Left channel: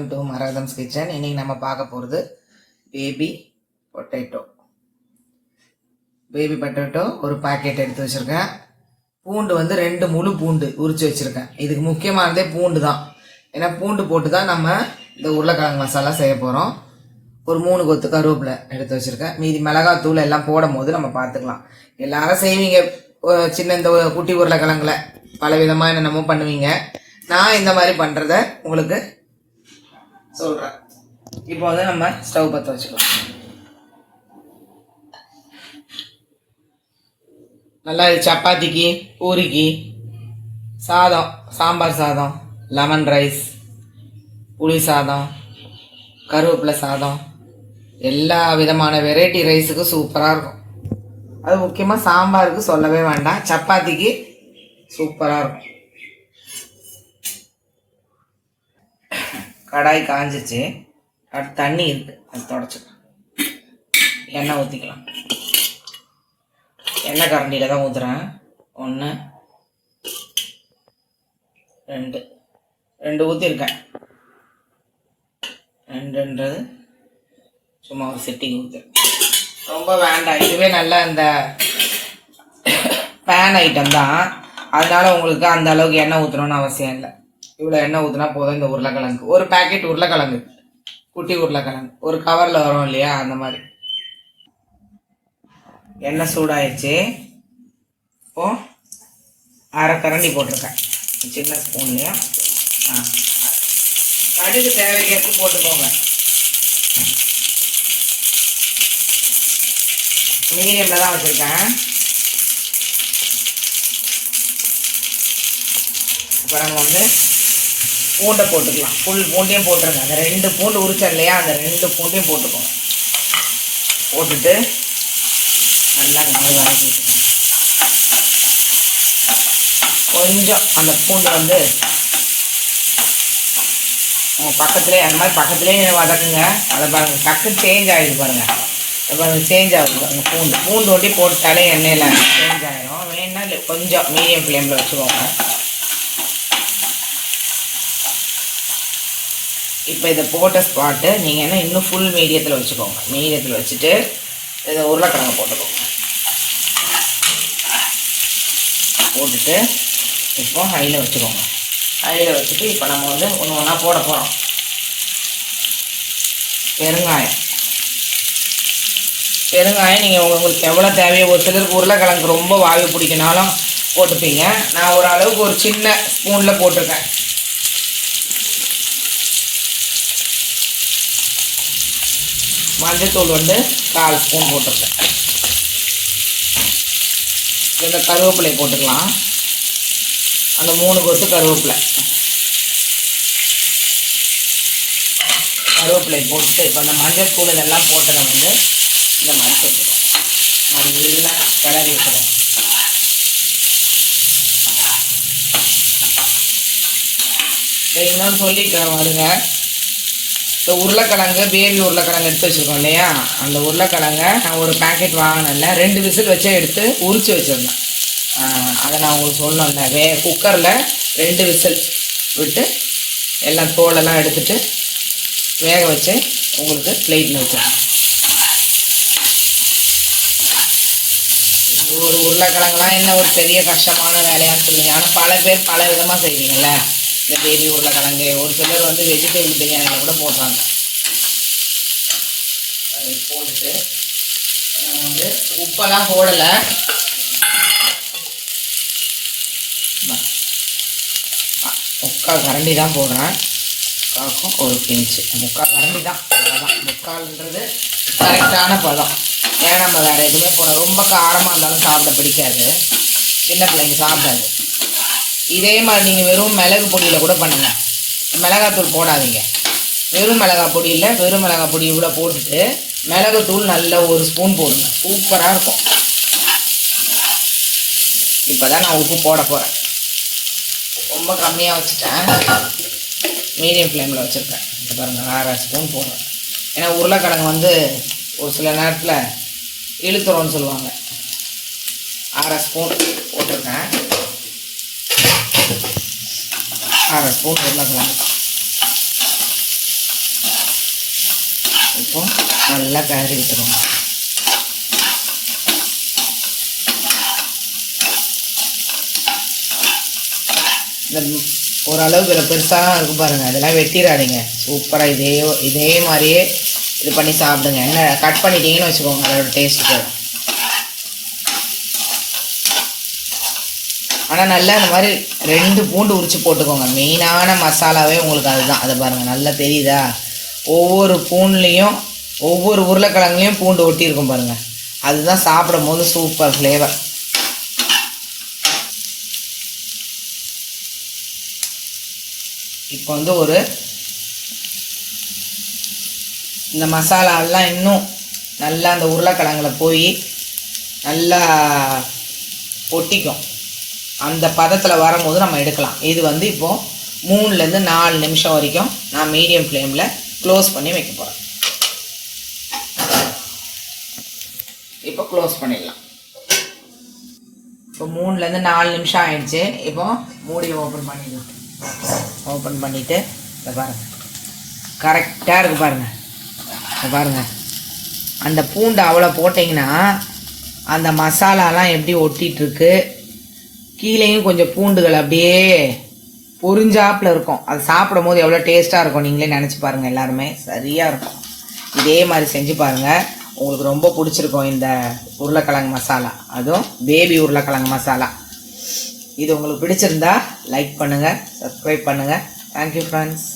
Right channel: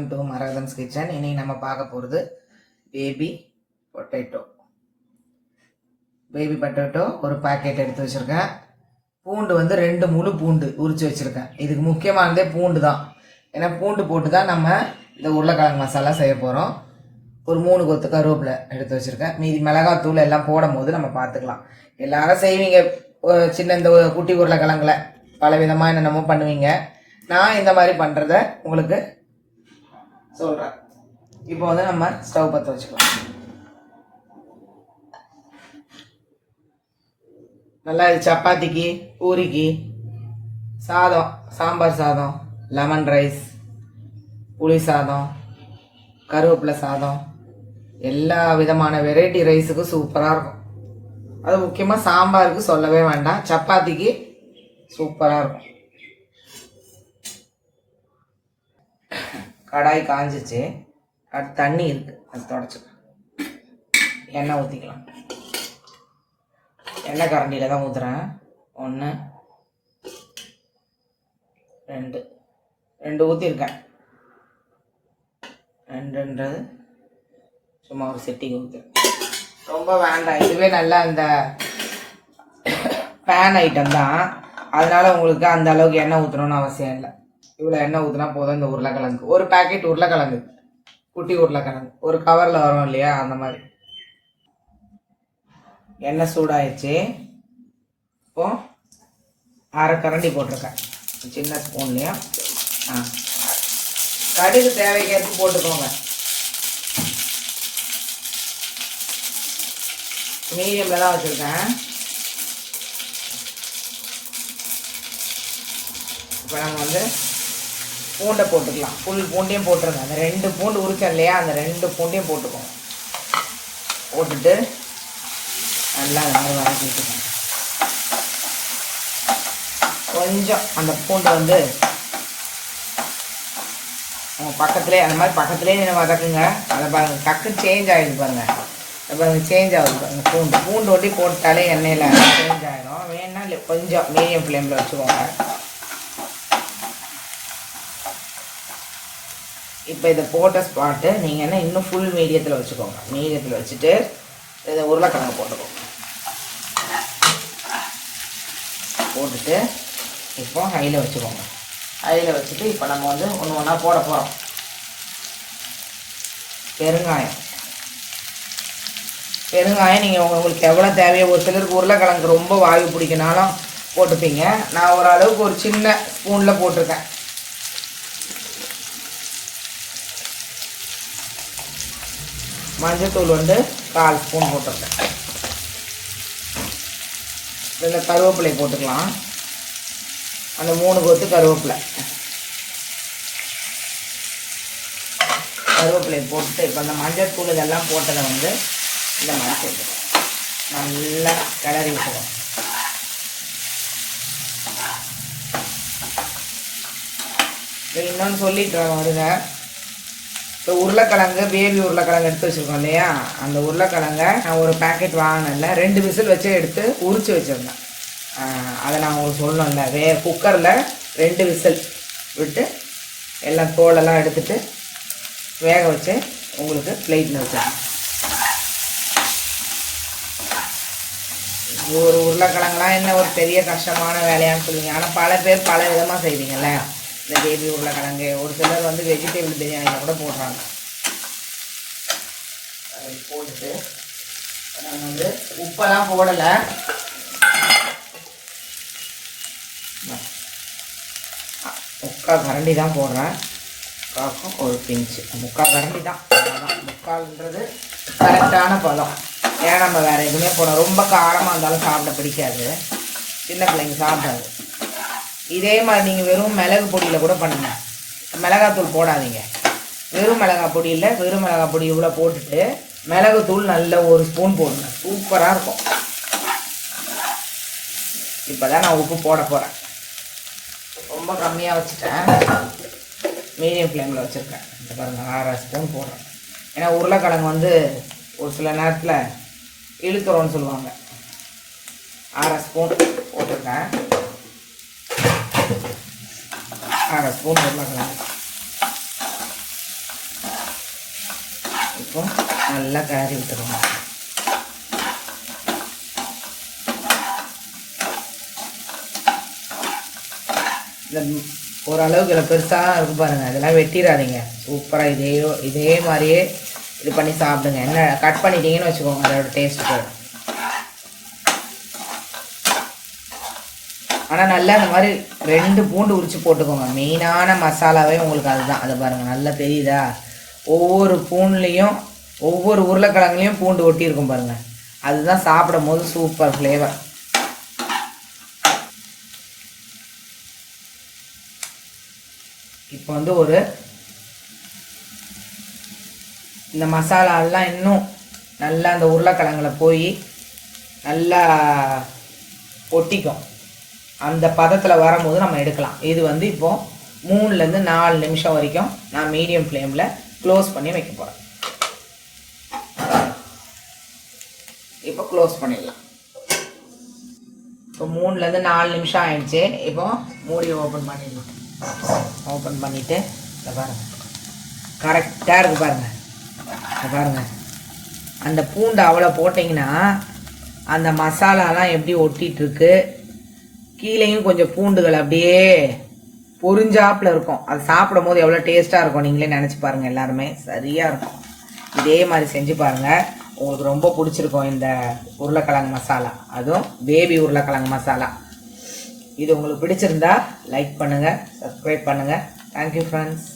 Welcome to மரகதம்ஸ் kitchen. இன்னைக்கு நம்ம பார்க்க போகிறது பேபி பொட்டேட்டோ ஒரு பாக்கெட் எடுத்து வச்சுருக்கேன். பூண்டு வந்து 2 முழு பூண்டு உரித்து வச்சுருக்கேன். இதுக்கு முக்கியமானதே பூண்டு தான். ஏன்னா பூண்டு போட்டு தான் நம்ம இந்த உருளைக்கிழங்கு மசாலா செய்ய போகிறோம். ஒரு 3 கொத்து கருவேப்பிலை எடுத்து வச்சுருக்கேன். மீதி மிளகாத்தூள் எல்லாம் போடும் போது நம்ம பார்த்துக்கலாம். எல்லாரும் செய்வீங்க சின்ன இந்த குட்டி உருளைக்கிழங்குல பல விதமாக என்னென்னமோ பண்ணுவீங்க. நான் இந்த மாதிரி பண்ணுறத உங்களுக்கு சொல்கிறேன். இப்போ வந்து நம்ம ஸ்டவ் பற்ற வச்சுக்கலாம். நல்லா இது சப்பாத்திக்கு, பூரிக்கு, சாதம், சாம்பார் சாதம், லெமன் ரைஸ், புளி சாதம், கருவேப்பிலை சாதம், எல்லா விதமான வெரைட்டி ரைஸுக்கு சூப்பராக இருக்கும். அது முக்கியமாக சாம்பாருக்கு சொல்லவே வேண்டாம், சப்பாத்திக்கு சூப்பராக இருக்கும். கடாய் காஞ்சிச்சு. அடுத்து தண்ணி இருக்குது, அது தொடச்சிக்கலாம். எண்ணெய் ஊற்றிக்கலாம். எண்ணெய் கரண்டியில் தான் ஊற்றுறேன். 1 2 ஊற்றிருக்கேன். 2ன்றது சும்மா ஒரு செட்டிக்கு ஊற்றுறேன். ரொம்ப வேண்டாம், இதுவே நல்லா அந்த பேன் ஐட்டம் தான். அதனால் உங்களுக்கு அந்த அளவுக்கு எண்ணெய் ஊற்றணும்னு அவசியம் இல்லை. இவ்வளோ எண்ணெய் ஊற்றினா போதும். இந்த உருளைக்கிழங்கு ஒரு பேக்கெட் உருளைக்கிழங்கு, குட்டி உருளைக்கிழங்கு ஒரு கவரில் வரும் இல்லையா, அந்த மாதிரி. எண்ணெய் சூடாயிடுச்சு. இப்போ அரை கரண்டி போட்டிருக்கேன், சின்ன ஸ்பூன்லையும். கடுகு தேவைக்கேற்ப போட்டுக்கோங்க. மீடியமில் தான் வச்சுருக்கேன். இப்போ நம்ம வந்து பூண்டை போட்டுக்கலாம். ஃபுல் பூண்டையும் போட்டுருங்க. அந்த 2 பூண்டு உரிச்சோம் இல்லையா, அந்த 2 பூண்டையும் போட்டுக்கோங்க. போட்டுட்டு நல்லா வதக்கி விட்டுக்கோங்க. கொஞ்சம் அந்த பூண்டை வந்து உங்கள் பக்கத்துலேயே, அந்த மாதிரி பக்கத்துலேயே நீங்கள் வதக்குங்க. அதை பாருங்கள், டக்குன்னு சேஞ்ச் ஆகிடுது பாருங்கள். பாருங்கள் சேஞ்ச் ஆகுது. அந்த பூண்டு ஒட்டி போட்டாலே எண்ணெயில் சேஞ்ச் ஆகிடும். வேணா கொஞ்சம் மீடியம் ஃப்ளேமில் வச்சுக்கோங்க. இப்போ இதை போட்ட ஸ்பாட்டு நீங்கள் என்ன இன்னும் ஃபுல் மீடியத்தில் வச்சுக்கோங்க. மீடியத்தில் வச்சுட்டு இதை உருளைக்கிழங்கு போட்டுக்கோங்க. போட்டுட்டு இப்போ ஹையில் வச்சுக்கோங்க. ஹையில் வச்சுட்டு இப்போ நம்ம வந்து ஒன்று ஒன்றா போட போகிறோம். பெருங்காயம் நீங்கள் உங்களுக்கு எவ்வளோ தேவையோ, ஒரு சிலருக்கு உருளைக்கிழங்கு ரொம்ப வாயு பிடிக்கினாலும் போட்டுப்பீங்க. நான் ஒரு அளவுக்கு ஒரு சின்ன ஸ்பூனில் போட்டிருக்கேன். மஞ்சத்தூள் வந்து 1/4 ஸ்பூன் போட்டிருக்கேன். இந்த கருவேப்பிலை போட்டுக்கலாம். அந்த 3 கொத்து கருவேப்பிலை போட்டுட்டு இப்போ அந்த மஞ்சத்தூள் இதெல்லாம் போட்டதை வந்து இந்த மாதிரி போட்டுக்கலாம். நல்லா கிளறி விட்டுருவோம். இன்னொன்று சொல்லிக்கிறேன் வருங்க. இப்போ உருளைக்கிழங்கு, பேபி உருளைக்கிழங்கு எடுத்து வச்சுருக்கோம் இல்லையா, அந்த உருளைக்கிழங்கை நான் ஒரு பேக்கெட் வாங்கினேன்ல, 2 விசில் வச்சே எடுத்து உரித்து வச்சுருந்தேன். அதை நான் உங்களுக்கு சொல்லணும்ல, குக்கரில் 2 விசில் விட்டு எல்லாம் தோலெல்லாம் எடுத்துட்டு வேக வச்சு உங்களுக்கு பிளேட்டில் வச்சேன். ஒரு உருளைக்கிழங்குலாம் என்ன ஒரு பெரிய கஷ்டமான வேலையான்னு சொல்லுவீங்க. ஆனால் பல பேர் பல விதமாக செய்வீங்கள்ல. இந்த பேபி உருளைக்கிழங்கு ஒரு சிலர் வந்து வெஜிடபிள் பிரியாணியில் கூட போடுறாங்க. அதை போட்டுட்டு நம்ம வந்து உப்பெல்லாம் போடலை. 3/4 கரண்டி தான் போடுறேன். காக்கும் ஒரு பிஞ்சு 3/4 கரண்டி தான். 3/4ன்றது கரெக்டான பதம். ஏன்னா நம்ம வேறு எதுவுமே போடணும். ரொம்ப காரமாக இருந்தாலும் சாப்பிட பிடிக்காது, சின்ன பிள்ளைங்க சாப்பிடாது. இதே மாதிரி நீங்கள் வெறும் மிளகு பொடியில் கூட பண்ணுங்கள். மிளகாத்தூள் போடாதீங்க. வெறும் மிளகாய் பொடி இல்லை, வெறும் மிளகாய் பொடி இவ்வளோ போட்டுட்டு மிளகுத்தூள் நல்ல 1 ஸ்பூன் போடுங்க. சூப்பராக இருக்கும். இப்போ தான் நான் உப்பு போட போகிறேன். ரொம்ப கம்மியாக வச்சுட்டேன், மீடியம் ஃப்ளேமில் வச்சுருக்கேன். இப்போ பாருங்கள் 1/2 ஸ்பூன் போடுறேன். ஏன்னா உருளைக்கிழங்கு வந்து ஒரு சில நேரத்தில் இழுத்துறோன்னு சொல்லுவாங்க. 1/2 ஸ்பூன் போட்டிருக்கேன். 1/2 ஸ்பூன் உருளைக்கிழங்கு இப்போ நல்லா கிளறி விட்டுருங்க. இந்த ஓரளவுக்கு இதில் பெருசாக இருக்கு பாருங்கள், இதெல்லாம் வெட்டிடாதீங்க. சூப்பராக இதே மாதிரியே இது பண்ணி சாப்பிடுங்க. என்ன கட் பண்ணிட்டீங்கன்னு வச்சுக்கோங்க, அதோட டேஸ்ட்டு. ஆனால் நல்லா இந்த மாதிரி 2 பூண்டு உரித்து போட்டுக்கோங்க. மெயினான மசாலாவே உங்களுக்கு அதுதான். அதை பாருங்கள், நல்லா தெரியுதா? ஒவ்வொரு பூண்டுலேயும் ஒவ்வொரு உருளைக்கிழங்குலையும் பூண்டு ஒட்டியிருக்கும் பாருங்கள். அதுதான் சாப்பிடும் போது சூப்பர் ஃப்ளேவர். இப்போ வந்து இந்த மசாலாலாம் இன்னும் நல்லா அந்த உருளைக்கிழங்குல போய் நல்லா ஒட்டிக்கும். அந்த பதத்தில் வரும்போது நம்ம எடுக்கலாம். இது வந்து இப்போது 3லேருந்து 4 நிமிஷம் வரைக்கும் நான் மீடியம் ஃப்ளேமில் க்ளோஸ் பண்ணி வைக்க போகிறேன். இப்போ க்ளோஸ் பண்ணிடலாம். இப்போ 3லேருந்து 4 நிமிஷம் ஆயிடுச்சு. இப்போ மூடி ஓப்பன் பண்ணிடலாம். ஓப்பன் பண்ணிவிட்டு இதை பாருங்கள், கரெக்டாக இருக்குது பாருங்கள். இதை பாருங்கள், அந்த பூண்டு அவ்வளோ போட்டிங்கன்னா அந்த மசாலாலாம் எப்படி ஒட்டிகிட்ருக்கு. கீழேயும் கொஞ்சம் பூண்டுகள் அப்படியே பொரிஞ்சாப்பில் இருக்கும். அது சாப்பிடும் போது எவ்வளோ டேஸ்ட்டாக இருக்கும் நீங்களே நினச்சி பாருங்கள். எல்லாருமே சரியாக இருக்கும். இதே மாதிரி செஞ்சு பாருங்கள், உங்களுக்கு ரொம்ப பிடிச்சிருக்கும் இந்த உருளைக்கிழங்கு மசாலா, அதுவும் பேபி உருளைக்கிழங்கு மசாலா. இது உங்களுக்கு பிடிச்சிருந்தா லைக் பண்ணுங்கள், சப்ஸ்கிரைப் பண்ணுங்கள். Thank you friends.